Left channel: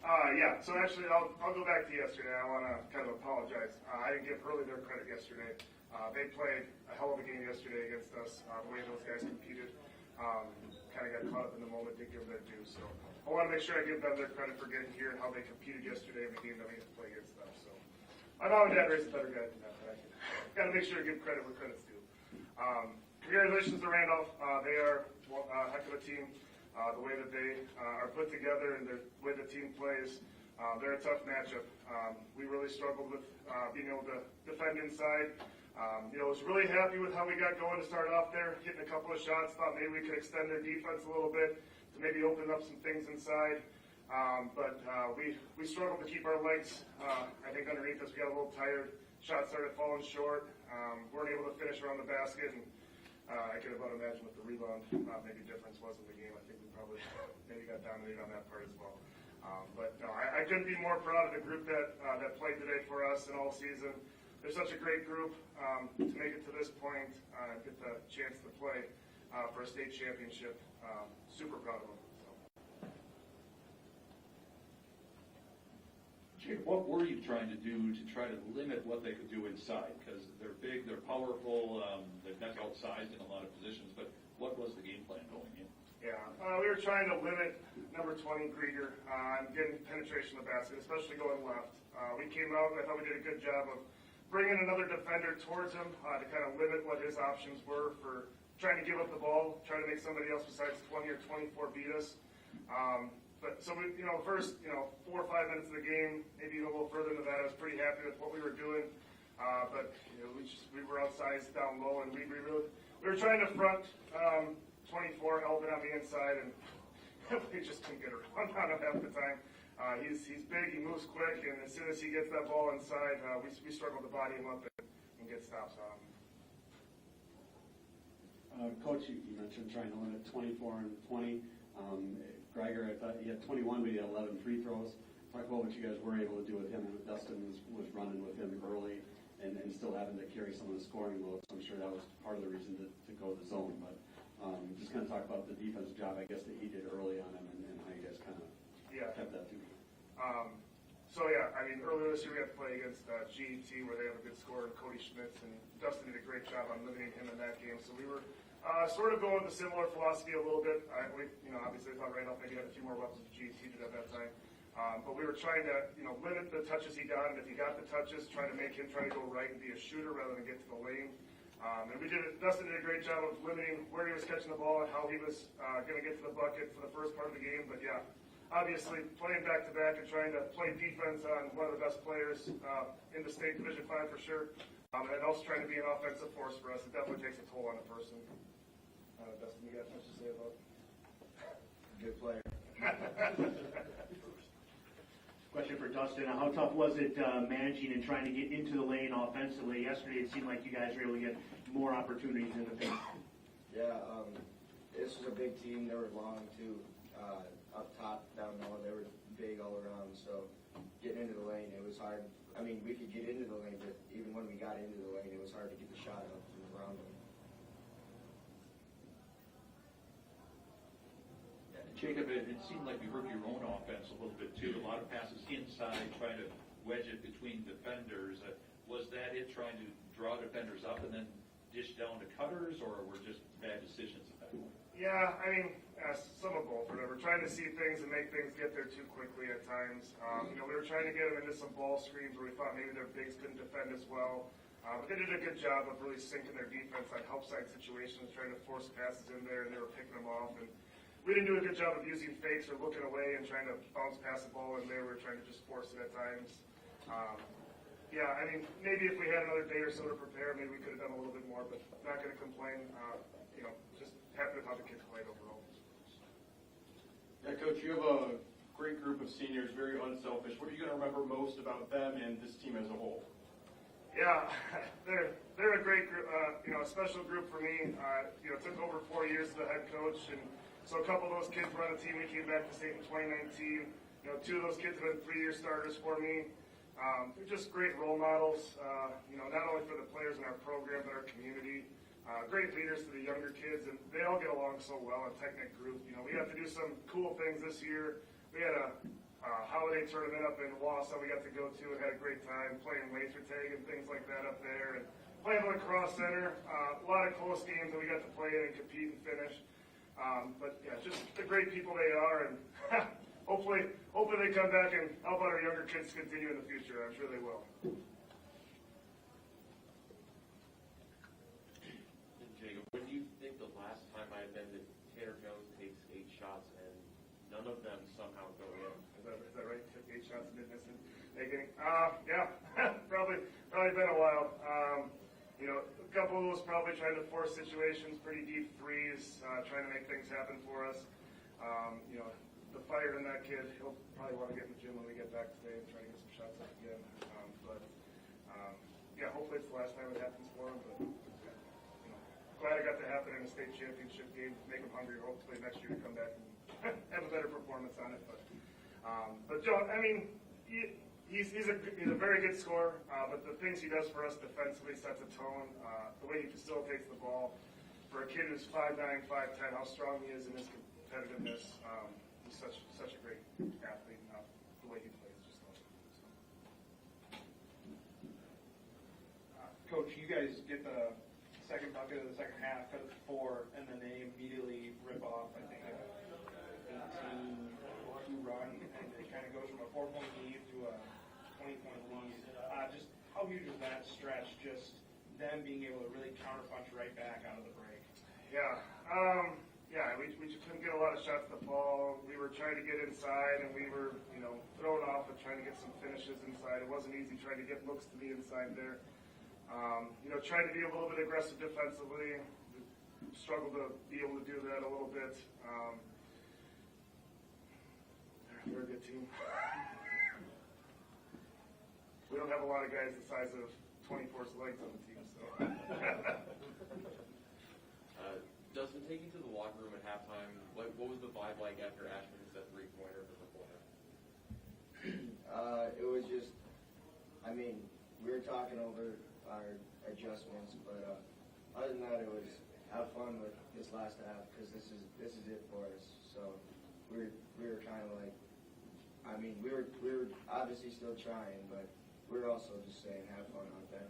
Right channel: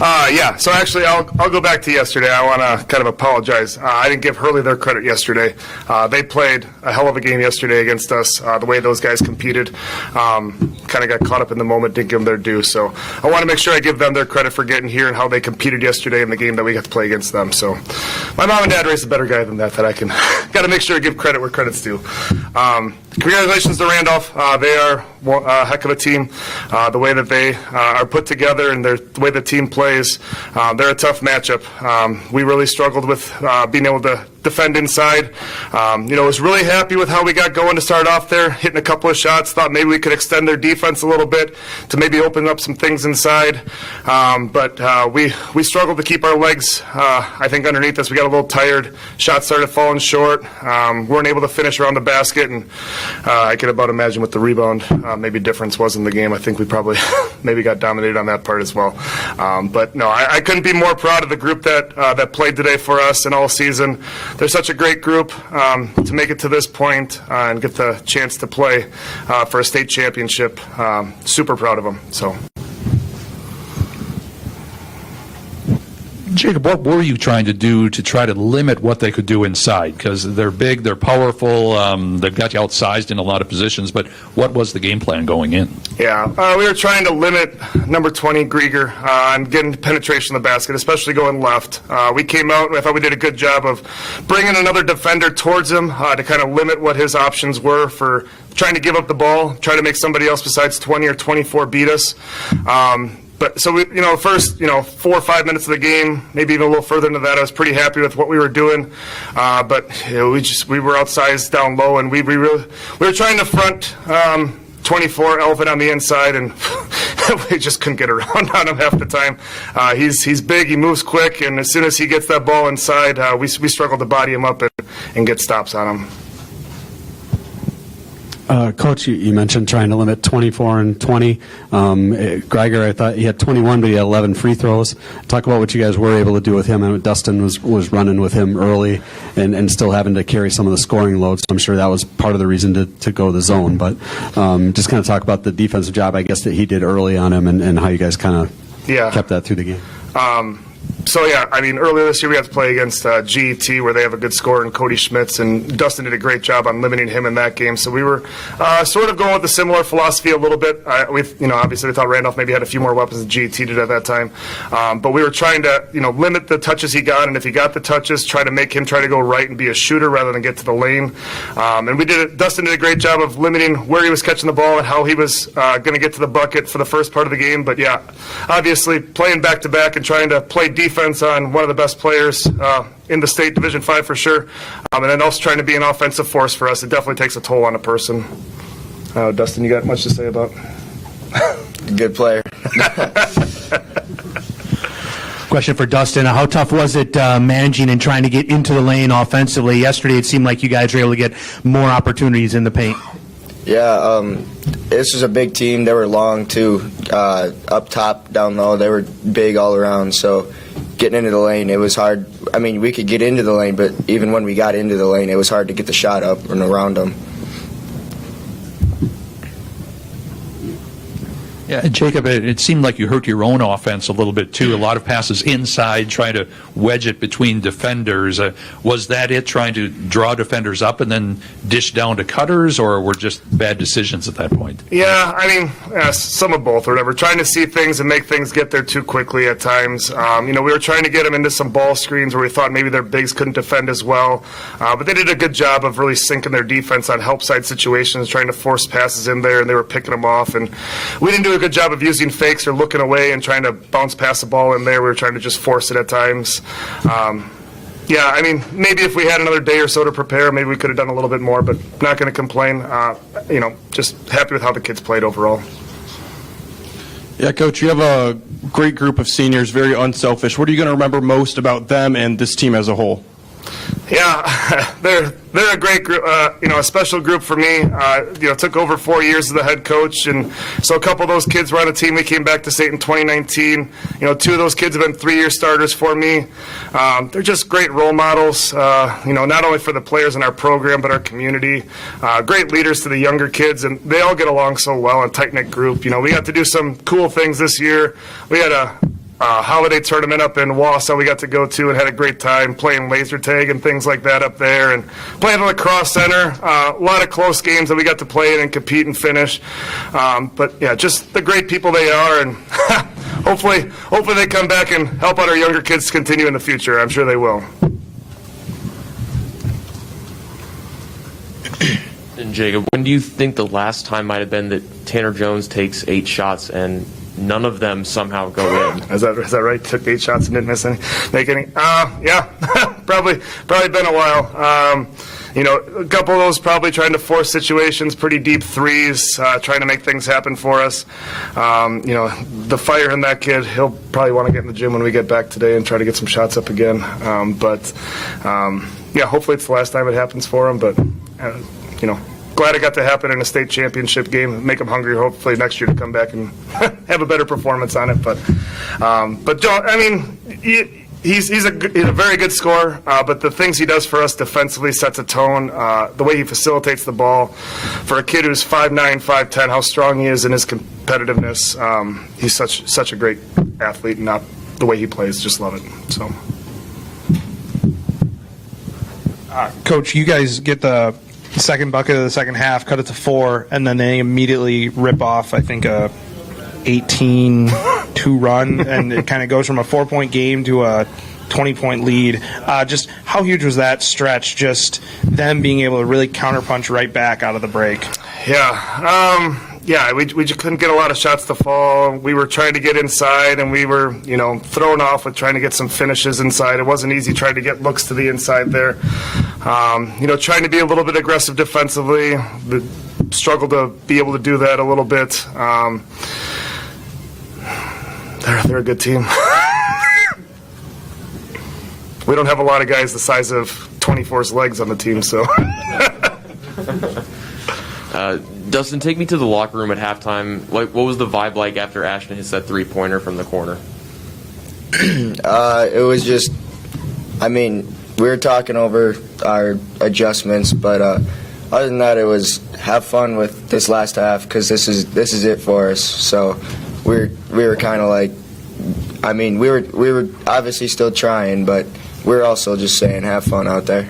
Yeah, so actually I'll go back to yesterday. I want to kind of apologize. I didn't give Hurley their credit yesterday. They played a hell of a game yesterday against us. The way those guys competed, kind of got caught up in the moment, didn't give them their due. So I want to make sure I give them their credit for getting here and how they competed yesterday in the game that we got to play against them. So my mom and dad raised a better guy than that I can got to make sure I give credit where credit's due. Congratulations to Randolph. They are a heck of a team. The way that they are put together and the way the team plays, they're a tough matchup. We really struggled with being able to defend inside. Was really happy with how we got going to start off there, hitting a couple of shots. Thought maybe we could extend their defense a little bit to maybe open up some things inside. But we struggled to keep our legs, I think, underneath us. We got a little tired. Shots started falling short. Weren't able to finish around the basket, and I can about imagine what the rebound maybe difference was in the game. I think we probably maybe got dominated on that part as well. But no, I couldn't be more proud of the group that played today for us and all season. They're such a great group to make it to this point and get the chance to play for a state championship. Super proud of them. So. Jacob, what were you trying to do to try to limit what they could do inside? Because they're big, they're powerful, they've got you outsized in a lot of positions, but what was the game plan going in? Yeah, we were trying to limit number 20, Grieger, on getting penetration of the basket, especially going left. We came out and I thought we did a good job of bringing another defender towards him to kind of limit what his options were for trying to give up the ball, try to make somebody else besides 20 or 24 beat us. But so we, first, 4 or 5 minutes of the game, maybe even a little further into that, I was pretty happy with what we were doing. But we were outsized down low, and we were trying to front 24 Elvin on the inside, and we just couldn't get around on him half the time. He's big, he moves quick, and as soon as he gets that ball inside, we struggle to body him up and get stops on him. Coach, you mentioned trying to limit 24 and 20. Geiger, I thought he had 21, but he had 11 free throws. Talk about what you guys were able to do with him. And Dustin was running with him early and still having to carry some of the scoring loads. So I'm sure that was part of the reason to go the zone. But just kind of talk about the defensive job, I guess, that he did early on him and how you guys kind of kept that through the game. So, yeah, earlier this year we had to play against GET where they have a good scorer in Cody Schmitz, and Dustin did a great job on limiting him in that game. So we were sort of going with a similar philosophy a little bit. Obviously we thought Randolph maybe had a few more weapons than GET did at that time. But we were trying to, limit the touches he got, and if he got the touches, try to make him try to go right and be a shooter rather than get to the lane. And Dustin did a great job of limiting where he was catching the ball and how he was going to get to the bucket for the first part of the game. But, yeah, obviously playing back-to-back and trying to play defense on one of the best players in the state, Division 5 for sure, and then also trying to be an offensive force for us. It definitely takes a toll on a person. Dustin, you got much to say about? Good player. Question for Dustin. How tough was it managing and trying to get into the lane offensively? Yesterday it seemed like you guys were able to get more opportunities in the paint. Yeah, this was a big team. They were long, too. Up top, down low, they were big all around. So getting into the lane, it was hard. We could get into the lane, but even when we got into the lane, it was hard to get the shot up and around them. Yeah, Jacob, it seemed like you hurt your own offense a little bit, too. A lot of passes inside, trying to wedge it between defenders. Was that it, trying to draw defenders up and then dish down to cutters, or were just bad decisions at that point? Yeah, some of both or whatever. Trying to see things and make things get there too quickly at times. We were trying to get them into some ball screens where we thought maybe their bigs couldn't defend as well. But they did a good job of really sinking their defense on help side situations, trying to force passes in there, and they were picking them off. And we didn't do a good job of using fakes or looking away and trying to bounce past the ball in there. We were trying to just force it at times. Maybe if we had another day or so to prepare, maybe we could have done a little bit more, but not going to complain. Just happy with how the kids played overall. Yeah, Coach, you have a great group of seniors, very unselfish. What are you going to remember most about them and this team as a whole? Yeah, they're a great group, a special group for me. Took over 4 years as the head coach, and so a couple of those kids were on the team. We came back to state in 2019. 2 of those kids have been 3-year starters for me. They're just great role models, not only for the players in our program, but our community. Great leaders to the younger kids, and they all get along so well, a tight-knit group. We got to do some cool things this year. We had a holiday tournament up in Wausau we got to go to and had a great time playing laser tag and things like that up there, and playing on the Cross Center. A lot of close games that we got to play in and compete and finish. But yeah, just the great people they are, and hopefully they come back and help out our younger kids continue in the future. I'm sure they will. And Jacob, when do you think the last time might have been that Tanner Jones takes 8 shots and none of them somehow go in? Is that right? Took 8 shots and didn't make any? Yeah, probably been a while. A couple of those probably trying to force situations, pretty deep threes, trying to make things happen for us. The fire in that kid, he'll probably want to get in the gym when we get back today and try to get some shots up again. Yeah, hopefully it's the last time it happens for him, but, glad it got to happen in a state championship game, make him hungry hopefully next year to come back and have a better performance on it. But Joe, I mean, he's a very good scorer, but the things he does for us defensively sets a tone. The way he facilitates the ball, for a kid who's 5'9", 5'10", how strong he is in his competitiveness. He's such a great athlete, and not the way he plays, just love it. So, Coach, you guys get the second bucket of the second half, cut it to 4, and then they immediately rip off, I think, a 18-2 run, and it kind of goes from a 4-point game to a 20-point lead. Just how huge was that stretch, just them being able to really counterpunch right back out of the break? Yeah, we just couldn't get a lot of shots to fall. We were trying to get inside, and we were, thrown off with trying to get some finishes inside. It wasn't easy trying to get looks to the inside there. Trying to be a little bit aggressive defensively. Struggled to be able to do that a little bit. They're a good team. We don't have a lot of guys the size of 24's legs on the team, so. Dustin, take me to the locker room at halftime. What was the vibe like after Ashton hits that 3-pointer from the corner? It was just, we were talking over our adjustments, but other than that, it was have fun with this last half, because this is it for us. So we were kind of like, we were obviously still trying, but we were also just saying have fun out there.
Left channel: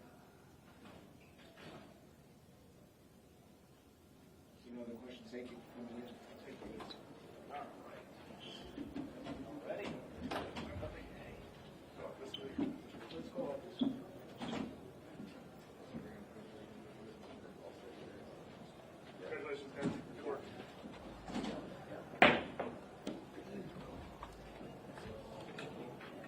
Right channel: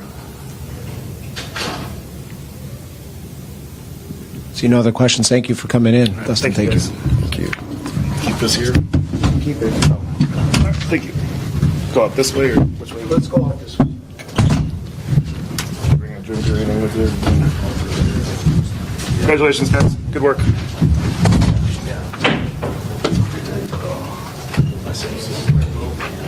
So no other questions. Thank you for coming in, Dustin. Thank you. Thank you. Keep this here. Keep it. Thank you. Go up this way or which way? Let's go up this way. Bring a drink or anything with you. Congratulations, guys. Good work.